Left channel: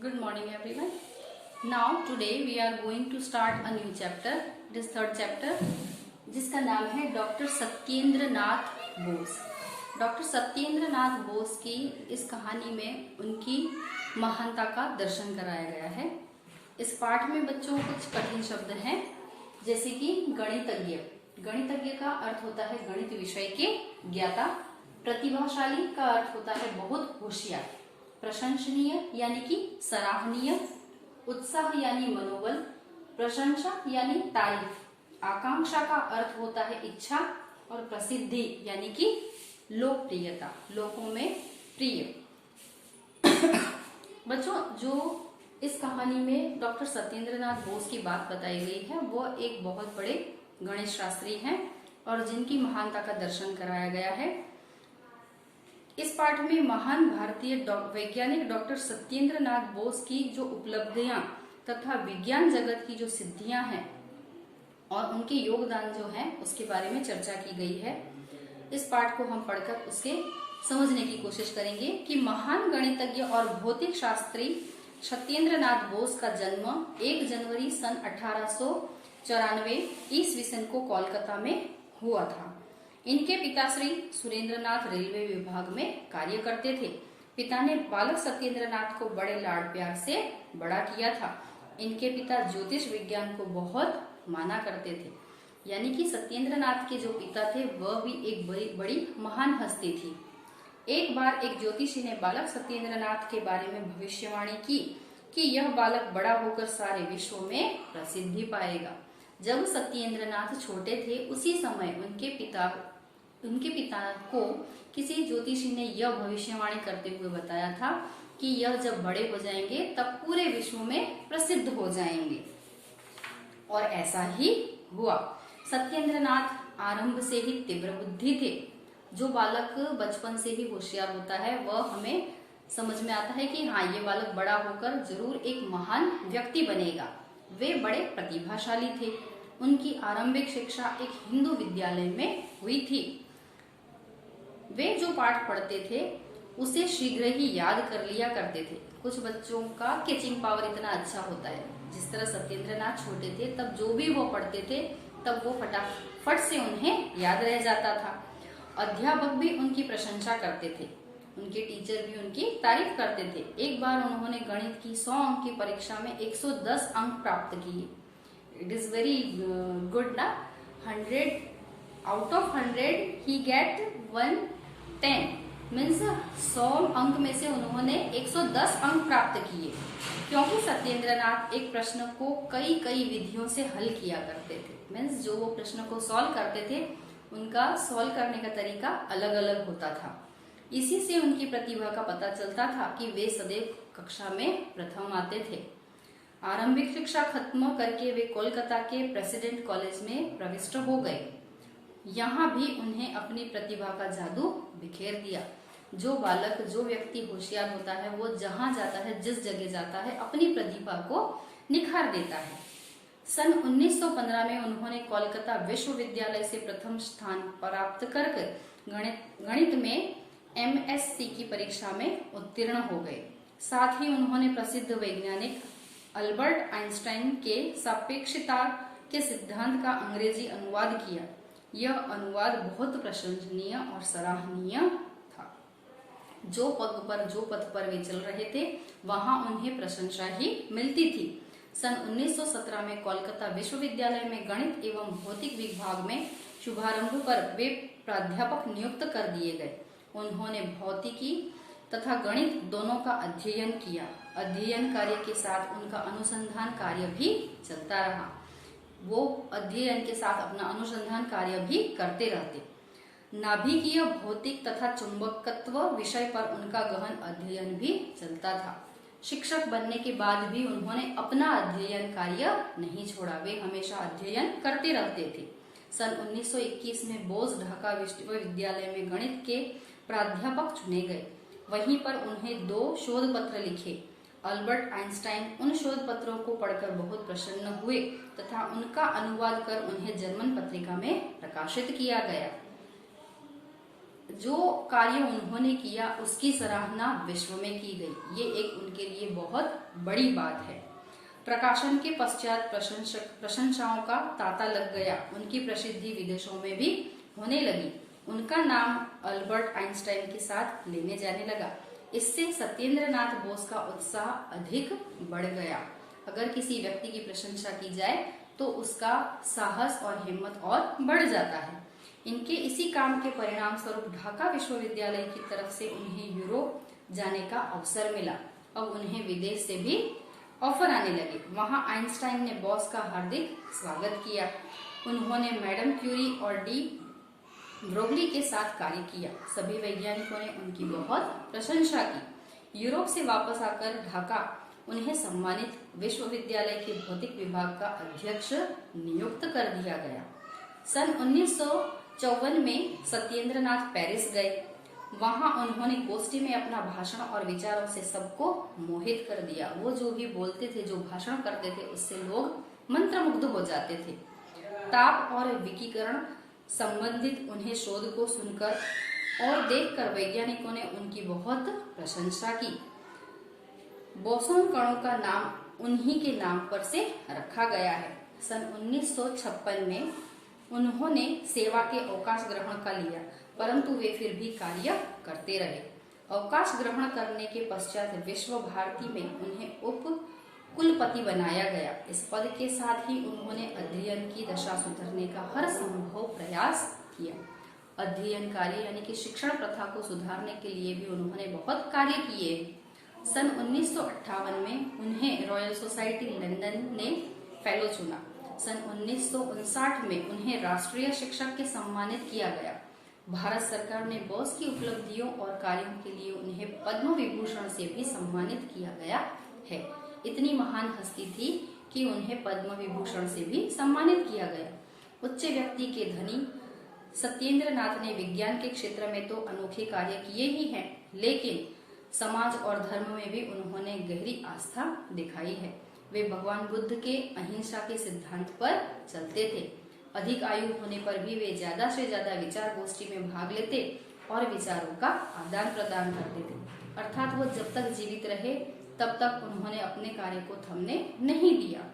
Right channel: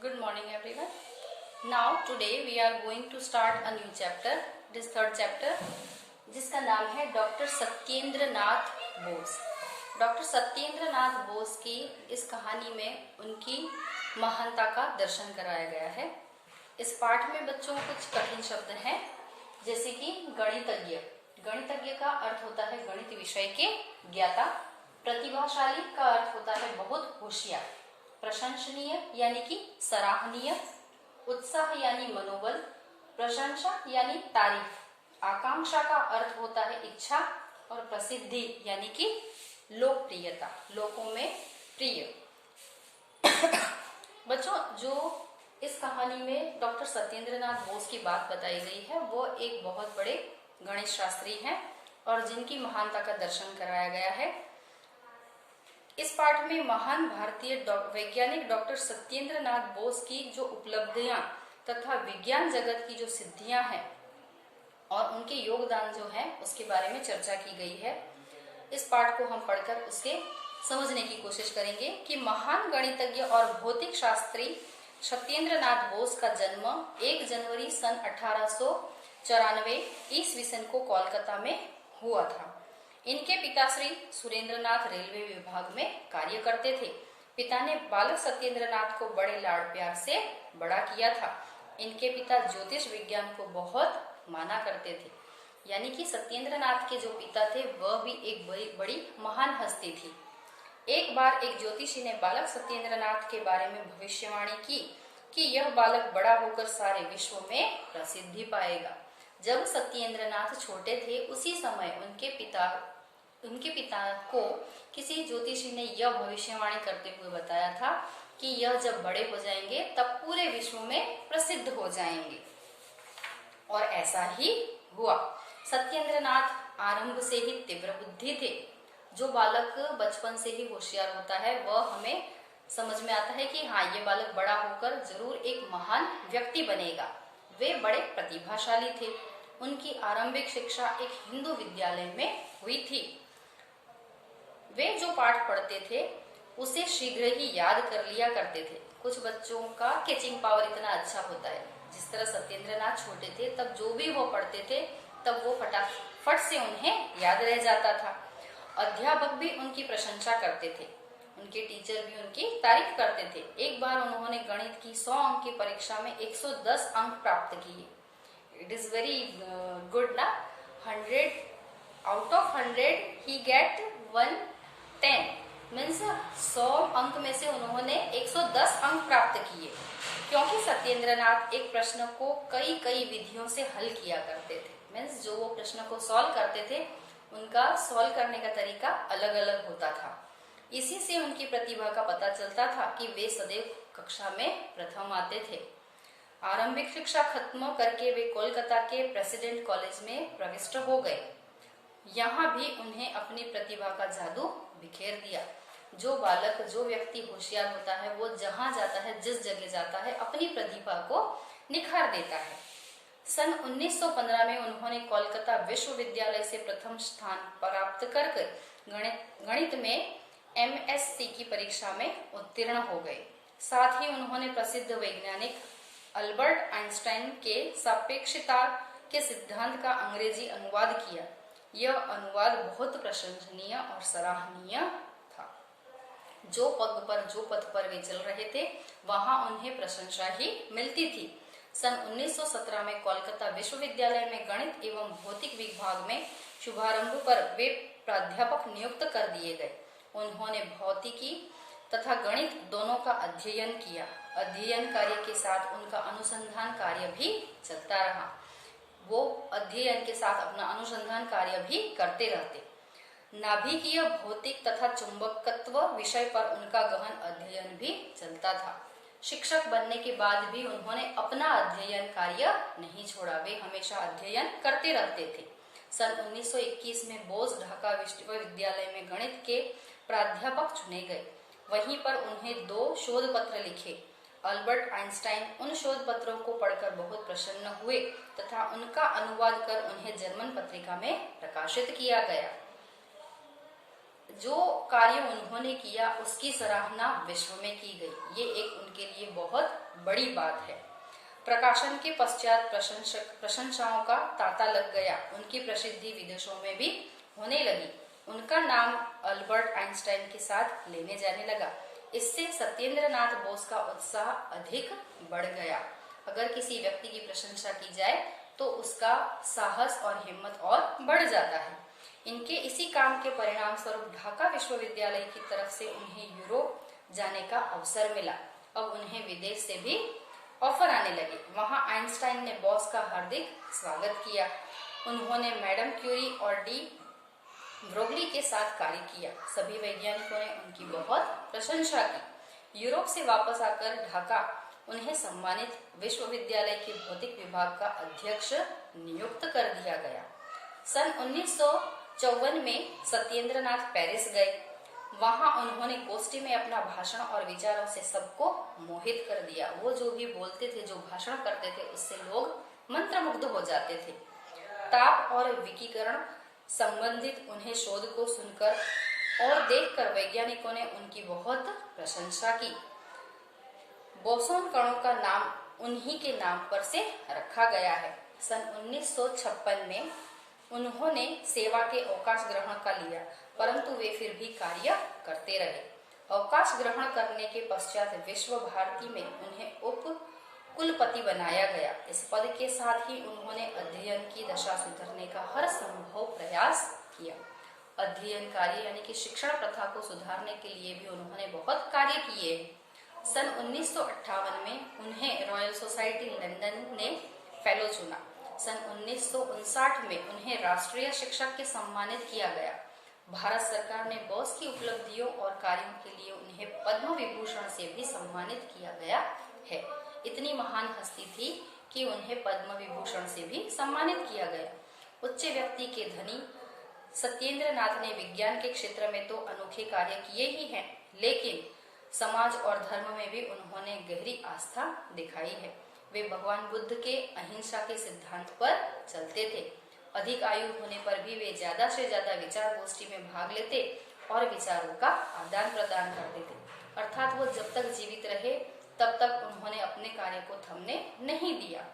Good morning everyone. Now today we are going to start a new chapter. This third chapter जिसका नाम है doctor Satyendra Nath Bose. Doctor Satyendra Nath Bose की इस कहानी में उनकी महानता का दर्शन कराया गया है। इस पाठ में बच्चों को कुछ कठिन शब्द हैं, जैसे कि गणितज्ञ। गणितज्ञ का अर्थ होता है गणित विषय के ज्ञाता। प्रतिभाशाली का अर्थ होता है बहुत होशियार। प्रशंसनीय यानी कि सराहनीय। उत्साह यानी मनोबल। प्रशंसा यानी तारीफ। आकांक्षा का अर्थ होता है इच्छा। और प्रसिद्धि यानी कि लोकप्रियता, लोगों में प्रिय। बच्चों, जो इस कहानी में डॉक्टर सत्येंद्र नाथ बोस की बात बताई गई है वो एक बहुत बड़े गणित शास्त्री हैं और जिनकी महानता का दर्शन कराया गया है। इस पाठ में महान भारतीय वैज्ञानिक डॉक्टर सत्येंद्र नाथ बोस की जो उपलब्धियां तथा विज्ञान जगत की जो सिद्धियां हैं और उनके योगदान जो है उसके बारे में चर्चा की गई है। इस पाठ को हम पढ़कर उसके समझने की कोशिश करेंगे कि महान गणितज्ञ और भौतिक शास्त्री सत्येंद्र नाथ बोस का जन्म 1 जनवरी सन 1894 ईस्वी सन को कोलकाता में हुआ था। इनके पिता श्री सुरेंद्रनाथ रेलवे विभाग में कार्य करते थे। पिता ने बालक सत्येंद्र नाथ को बड़े लाड़ प्यार से बड़ा किया था। इनके पिता ज्योतिष विज्ञान को बहुत माना करते थे। यानी कि सत्येंद्र नाथ के जो पिता थे वह भी एक बड़ी महान हस्ती थी। एक बार एक ज्योतिषी ने बालक सत्येंद्र नाथ के बारे में भविष्यवाणी की कि यह बालक बड़ा होकर सारे विश्व में प्रसिद्धि पाएगा। जब सत्येंद्र नाथ छोटे थे उसी समय उनके पिता को किसी ज्योतिषी ने यह भविष्यवाणी करते हुए बताया था कि यह जब बड़े हो जाएंगे तब पूरे विश्व में प्रसिद्ध हो जाएंगे। और ऐसा ही हुआ। सत्येंद्र नाथ आरंभ से ही तीव्र बुद्धि थे। जो बालक बचपन से ही होशियार होता है वह हमें समझ में आता है कि हाँ, ये बालक बड़ा होकर जरूर एक महान व्यक्ति बनेगा। वे बड़े प्रतिभाशाली थे। उनकी आरंभिक शिक्षा एक हिंदू विद्यालय में हुई थी। वे जो पाठ पढ़ते थे उसे शीघ्र ही याद कर लिया करते थे। कुछ बच्चों का कैचिंग पावर इतना अच्छा होता है। जिस तरह सत्येंद्र नाथ छोटे थे तब जो भी वो पढ़ते थे तब वो फटाफट से उन्हें याद रह जाता था। अध्यापक भी उनकी प्रशंसा करते थे। उनके टीचर भी उनकी तारीफ करते थे। एक बार उन्होंने गणित की 100 अंक की परीक्षा में 110 अंक प्राप्त किए। इट इज वेरी गुड ना। 100 आउट ऑफ 100 ही गेट 110 मीन्स 100 अंक में से उन्होंने 110 अंक प्राप्त किए, क्योंकि सत्येंद्र नाथ एक प्रश्न को कई विधियों से हल किया करते थे। मीन्स जो वो प्रश्न को सॉल्व करते थे उनका सॉल्व करने का तरीका अलग अलग होता था। इसी से उनकी प्रतिभा का पता चलता था कि वे सदैव कक्षा में प्रथम आते थे। आरंभिक शिक्षा खत्म करके वे कोलकाता के प्रेसिडेंट कॉलेज में प्रविष्ट हो गए। यहाँ भी उन्हें अपनी प्रतिभा का जादू बिखेर दिया। जो बालक, जो व्यक्ति होशियार होता है वो जहाँ जाता है, जिस जगह जाता है, अपनी प्रतिभा को निखार देता है। सन 1915 में उन्होंने कोलकाता विश्वविद्यालय से प्रथम स्थान प्राप्त कर गणित में MSc की परीक्षा में उत्तीर्ण हो गए। साथ ही उन्होंने प्रसिद्ध वैज्ञानिक अल्बर्ट आइंस्टाइन के सापेक्षता के सिद्धांत का अंग्रेजी अनुवाद किया। यह अनुवाद बहुत प्रशंसनीय और सराहनीय था। जो पद पर वे चल रहे थे वहां उन्हें प्रशंसा ही मिलती थी। सन 1917 में कोलकाता विश्वविद्यालय में गणित एवं भौतिक विभाग में शुभारंभ पर वे प्राध्यापक नियुक्त कर दिए गए। उन्होंने भौतिकी तथा गणित दोनों का अध्ययन किया। अध्ययन कार्य के साथ उनका अनुसंधान कार्य भी चलता रहा। वो अध्ययन के साथ अपना अनुसंधान कार्य भी करते रहते। नाभिकीय भौतिक तथा चुंबकत्व विषय पर उनका गहन अध्ययन भी चलता था। शिक्षक बनने के बाद भी उन्होंने अपना अध्ययन कार्य नहीं छोड़ा। वे हमेशा अध्ययन करते रहते थे। सन 1921 में बोस ढाका विश्वविद्यालय में गणित के प्राध्यापक चुने गए। वहीं पर उन्हें 2 शोध पत्र लिखे। अल्बर्ट आइंस्टाइन उन शोध पत्रों को पढ़कर बहुत प्रसन्न हुए तथा उनका अनुवाद कर उन्हें जर्मन पत्रिका में प्रकाशित किया गया। जो कार्य उन्होंने किया उसकी सराहना विश्व में की गई। ये एक उनके लिए ये बहुत बड़ी बात है। प्रकाशन के पश्चात प्रशंसाओं का तांता लग गया। उनकी प्रसिद्धि विदेशों में भी होने लगी। उनका नाम अल्बर्ट आइंस्टाइन के साथ लेने जाने लगा। इससे सत्येंद्रनाथ बोस का उत्साह अधिक बढ़ गया। अगर किसी व्यक्ति की प्रशंसा की जाए तो उसका साहस और हिम्मत और बढ़ जाता है। इनके इसी काम के परिणाम स्वरूप ढाका विश्वविद्यालय की तरफ से उन्हें यूरोप जाने का अवसर मिला। अब उन्हें विदेश से भी ऑफर आने लगे। वहां आइंस्टाइन ने बॉस का हार्दिक स्वागत किया। उन्होंने मैडम क्यूरी और डी ब्रोगली के साथ कार्य किया। सभी वैज्ञानिकों ने उनकी बहुत प्रशंसा की। यूरोप से वापस आकर ढाका उन्हें सम्मानित विश्वविद्यालय के भौतिक विभाग का अध्यक्ष नियुक्त कर दिया गया। सन 1954 में सत्येंद्रनाथ पेरिस गए। वहां उन्होंने गोष्ठी में अपना भाषण और विचारों से सबको मोहित कर दिया। वो जो भी बोलते थे, जो भाषण करते थे, उससे लोग मंत्रमुग्ध हो जाते थे। ताप और विकिरण संबंधित उन्हें शोध को सुनकर और देखकर वैज्ञानिकों ने उनकी बहुत प्रशंसा की। बोसोन कणों का नाम उन्हीं के नाम पर से रखा गया है। सन 1956 में उन्होंने सेवा के अवकाश ग्रहण कर लिया, परंतु वे फिर भी कार्य करते रहे। अवकाश ग्रहण करने के पश्चात विश्व भारती में उन्हें उप कुलपति बनाया गया। इस पद के साथ ही उन्होंने अध्ययन की दशा सुधारने का हर संभव प्रयास किया। अध्ययन कार्य यानी कि शिक्षण प्रथा को सुधारने के लिए भी उन्होंने बहुत कार्य किए। सन 1958 में उन्हें रॉयल सोसाइटी लंदन ने फेलो चुना। सन 1959 में उन्हें राष्ट्रीय शिक्षक के सम्मानित किया गया। भारत सरकार ने बोस की उपलब्धियों और कार्यों के लिए उन्हें पद्म विभूषण से भी सम्मानित किया गया है। इतनी महान हस्ती थी कि उन्हें पद्म विभूषण से भी सम्मानित किया गया। उच्च व्यक्ति के धनी सत्येंद्रनाथ ने विज्ञान के क्षेत्र में तो अनोखे कार्य किए ही हैं, लेकिन समाज और धर्म में भी उन्होंने गहरी आस्था दिखाई है। वे भगवान बुद्ध के अहिंसा के सिद्धांत पर चलते थे। अधिक आयु होने पर भी वे ज्यादा से ज्यादा विचार गोष्ठी में भाग लेते और विचारों का आदान प्रदान करते थे। अर्थात वो जब तक जीवित रहे तब तक उन्होंने अपने कार्य को थमने नहीं दिया।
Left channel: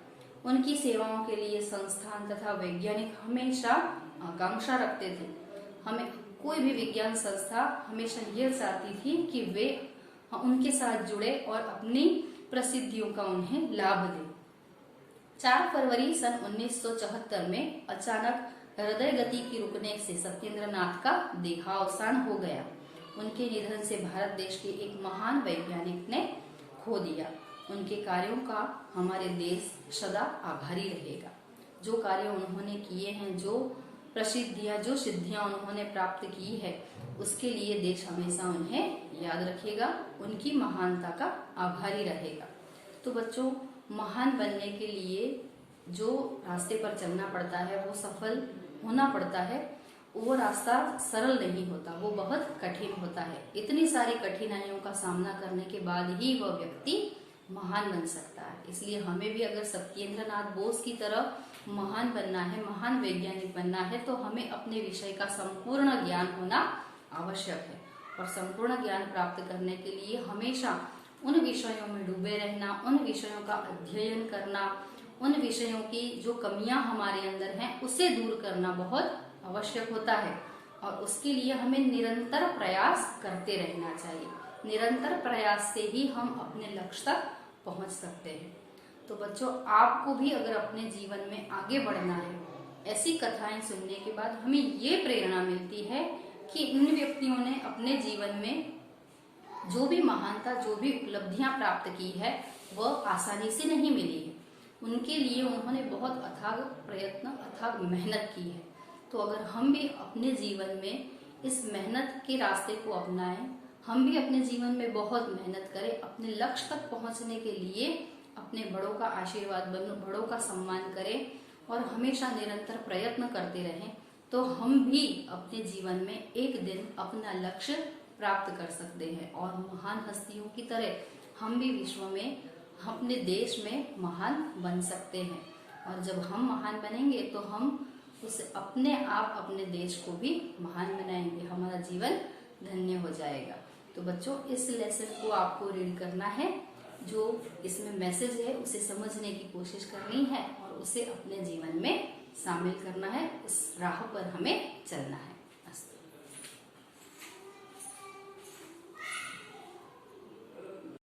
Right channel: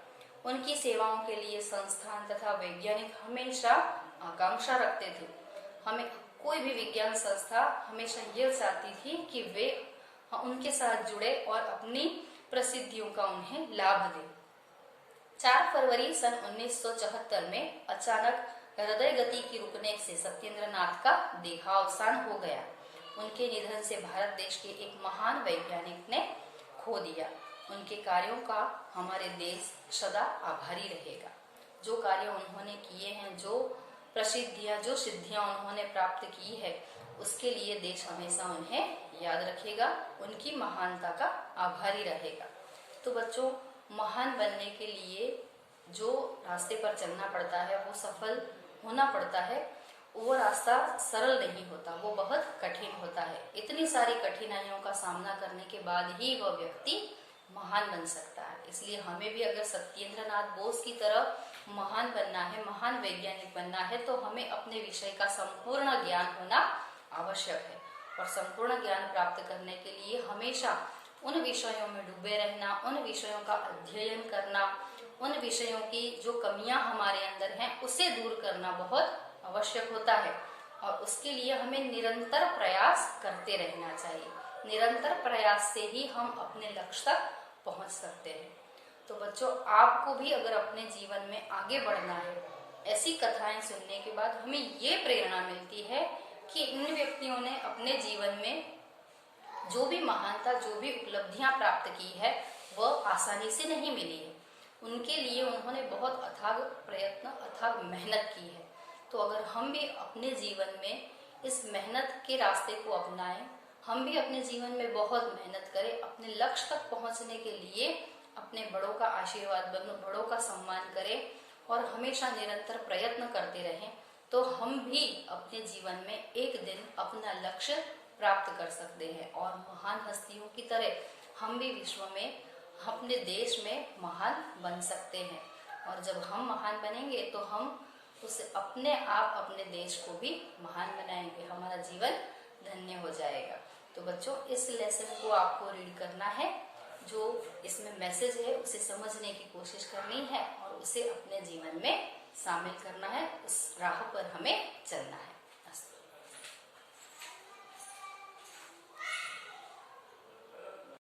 उनकी सेवाओं के लिए संस्थान तथा वैज्ञानिक हमेशा आकांक्षा रखते थे। हमें कोई भी विज्ञान संस्था हमेशा यह चाहती थी कि वे उनके साथ जुड़े और अपनी प्रसिद्धियों का उन्हें लाभ दे। 4 फरवरी सन 1974 में अचानक हृदय गति की रुकने से सत्येंद्रनाथ का देहावसान हो गया। उनके निधन से भारत देश के एक महान वैज्ञानिक ने खो दिया। उनके कार्यों का हमारे देश सदा आभारी रहेगा। जो कार्य उन्होंने किए हैं, जो प्रसिद्धियां, जो सिद्धियां उन्होंने प्राप्त की है, उसके लिए देश हमेशा उन्हें याद रखेगा, उनकी महानता का आभारी रहेगा। तो बच्चों, महान बनने के लिए जो रास्ते पर चलना पड़ता है, वो सफल होना पड़ता है। वो रास्ता सरल नहीं होता, वो बहुत कठिन होता है। इतनी सारी कठिनाइयों का सामना करने के बाद ही वह व्यक्ति महान बन सकता है। इसलिए हमें भी अगर सत्येंद्रनाथ बोस की तरह महान बनना है, महान वैज्ञानिक बनना है, तो हमें अपने विषय का संपूर्ण ज्ञान होना आवश्यक है। और संपूर्ण ज्ञान प्राप्त करने के लिए हमेशा उन विषयों में डूबे रहना, उन विषयों का अध्ययन करना, उन विषयों की जो कमियां हमारे अंदर हैं उसे दूर करना बहुत आवश्यक होता है। और उसके लिए हमें निरंतर प्रयास करते रहना चाहिए। निरंतर प्रयास से ही हम अपने लक्ष्य तक पहुंच सकते हैं। तो बच्चों, आपको भी अगर अपने जीवन में आगे बढ़ना है, ऐसी कथाएं सुनने के बाद हमें ये प्रेरणा मिलती है कि इन व्यक्तियों ने अपने जीवन में जो भी महानता, जो भी उपलब्धियां प्राप्त की है, वह आसानी से नहीं मिली है। उनके लिए उन्होंने बहुत अथाग प्रयत्न, अथाग मेहनत की है। तो अगर हम भी अपने जीवन में इस मेहनत के रास्ते को अपनाएं, हम भी अपने जीवन में बहुत मेहनत करें, अपने लक्ष्य तक पहुंचने के लिए अपने बड़ों का आशीर्वाद, बड़ों का सम्मान करें और हमेशा निरंतर प्रयत्न करते रहें, तो हम भी अपने जीवन में एक दिन अपना लक्ष्य प्राप्त कर सकते हैं। और महान हस्तियों की तरह हम भी विश्व में, अपने देश में महान बन सकते हैं। और जब हम महान बनेंगे तो हम उसे अपने आप, अपने देश को भी महान बनाएंगे। हमारा जीवन धन्य हो जाएगा। तो बच्चों, इस लेसन को आपको रीड करना है। जो इसमें मैसेज है उसे समझने की कोशिश करनी है और उसे अपने जीवन में शामिल करना है। उस राह पर हमें चलना है।